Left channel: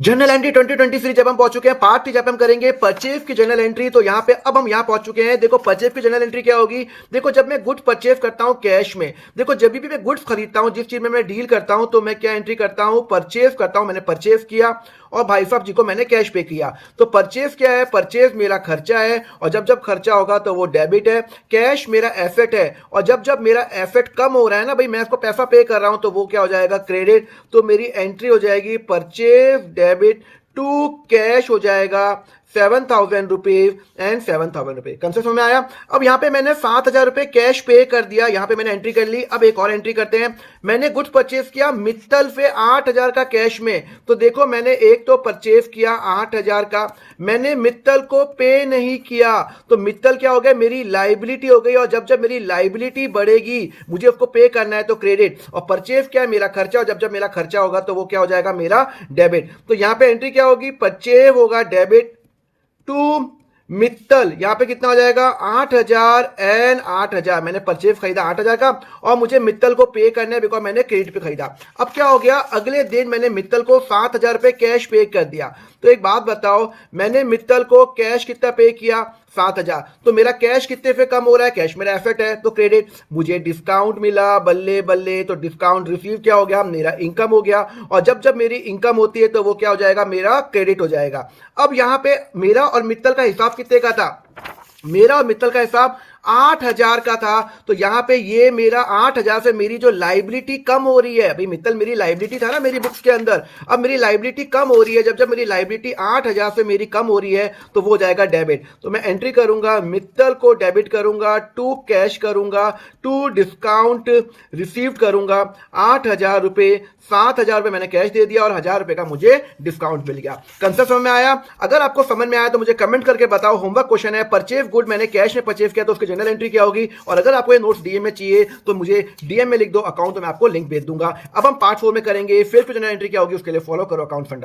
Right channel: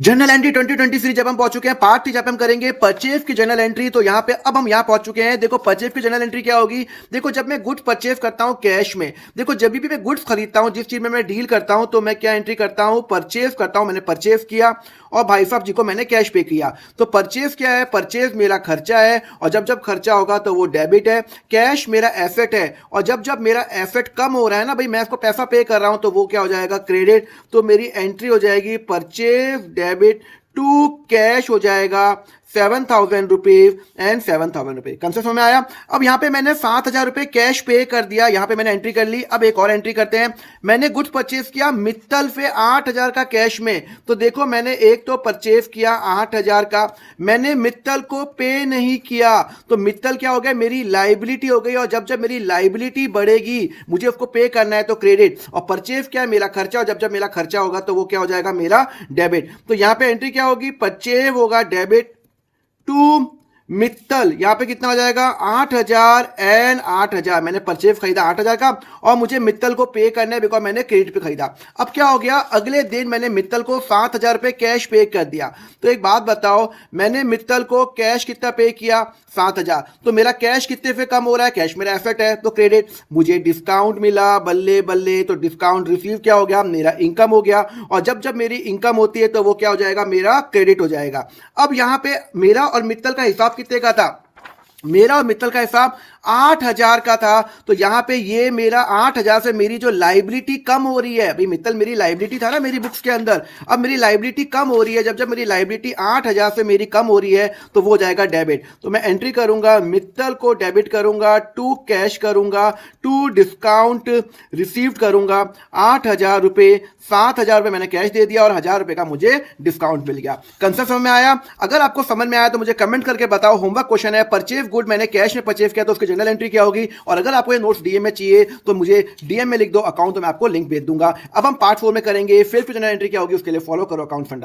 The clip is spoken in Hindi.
जर्नल एंट्री 2023 जब हम पहुंच चुके हैं पार्ट 3 जब हम करेंगे परचेज की जर्नल एंट्री। तो यहाँ पे अब हम यहाँ पहुंच चुके हैं। देखो परचेज की जर्नल एंट्री क्या होगी। देखो जब मैं गुड्स परचेज करता हूँ कैश में, देखो जब भी मैं गुड्स खरीदता हूँ, जिस चीज में मैं डील करता हूँ, तो मैं क्या एंट्री करता हूँ, परचेज करता हूँ। मैंने परचेज किया और भाई साहब जी को मैंने कैश पे किया। तो परचेज क्या है, परचेज मेरा खर्चा है और जब जब खर्चा होगा तो वो डेबिट है। कैश मेरा एसेट है और जब जब मेरा एसेट कम हो रहा है ना भाई, मैं इसको पैसा पे कर रहा हूं, तो वो क्या हो जाएगा, क्रेडिट। तो मेरी एंट्री हो जाएगी परचेज डेबिट टू कैश हो जाएगा 7,000 रुपीज एंड 7,000 रुपीज। कंसेप्ट में आया। अब यहाँ पे मैंने 7,000 रुपए कैश पे कर दिया, यहाँ पे मैंने एंट्री कर ली। अब एक और एंट्री करते हैं। मैंने गुड्स परचेज किया मित्तल से 8,000 का कैश में। तो देखो मैंने एक तो परचेज किया 8,000 का, मैंने मित्तल को पे नहीं किया। तो मित्तल क्या हो गया, मेरी लाइबिलिटी हो गई। और जब जब मेरी लाइबिलिटी बढ़ेगी मुझे उसको पे करना है तो क्रेडिट। और परचेज क्या है, मेरा खर्चा। और जब जब मेरा खर्चा होगा तो वो क्या हो जाएगा, मेरा डेबिट। तो यहाँ पे एंट्री क्या होगी, परचेज होगा डेबिट टू मित्तल। यहां पे कितना हो जाएगा, 8,000 एंड 8,000। मैंने परचेज खरीदा 8,000 का और मुझे मित्तल को पे करना है बिकॉज मैंने क्रेडिट पे खरीदा। अब क्या हो गया, अगले दिन मैंने मित्तल को 7,000 रुपए कैश पे कर दिया। तो एक बात बताओ, मैंने मित्तल को कैश कितना पे किया, 7,000। तो मेरा कैश कितने पे कम हो रहा है, कैश मेरा एसेट है तो क्रेडिट। मुझे डिस्काउंट मिला, बल्ले बल्ले। तो डिस्काउंट रिसीव क्या हो गया, मेरा इनकम हो गया। और जब जब मेरी इनकम होती है तो वो क्या हो जाएगा, मेरा क्रेडिट हो जाएगा। अब यहां पे मेरा और मित्तल का हिसाब कितने का था, मेरा और मित्तल का हिसाब 8,000 का था। तो यहां पे ये मेरा 8,000 से मेरी जो लाइबिलिटी कम हो रही है, अभी मित्तल मेरी लाइबिलिटी था ना मेरी बुक्स के अंदर, अब मेरी लाइबिलिटी कम हो रही है। जब जब मेरी लाइबिलिटी 8,000 से मेरी कम हो रही है तो वो जाएगा डेबिट। तो मैं एंट्री करूंगा, मित्तल को डेबिट करूंगा, टू कैश करूंगा, टू डिस्काउंट रिसीव करूंगा 8,000 रुपए। 7,000 रुपए मैंने कैश दे दिया और 1,000 रुपए का मुझे डिस्काउंट मिल गया। कंसेप्ट समझ में आया। अगर आपको समझ में आया तो मुझे कमेंट करके बताओ। होमवर्क क्वेश्चन है, परचेज गुड मैंने कैश में परचेज किया तो उसकी जनरल एंट्री क्या होगी। और अगर आपको ये नोट्स डीएम में चाहिए तो मुझे डीएम में लिख दो अकाउंट, तो मैं आपको लिंक भेज दूंगा। अब हम पार्ट 4 में करेंगे फिर जनरल एंट्री क्या होगी, उसके लिए फॉलो करो अकाउंट फंडा।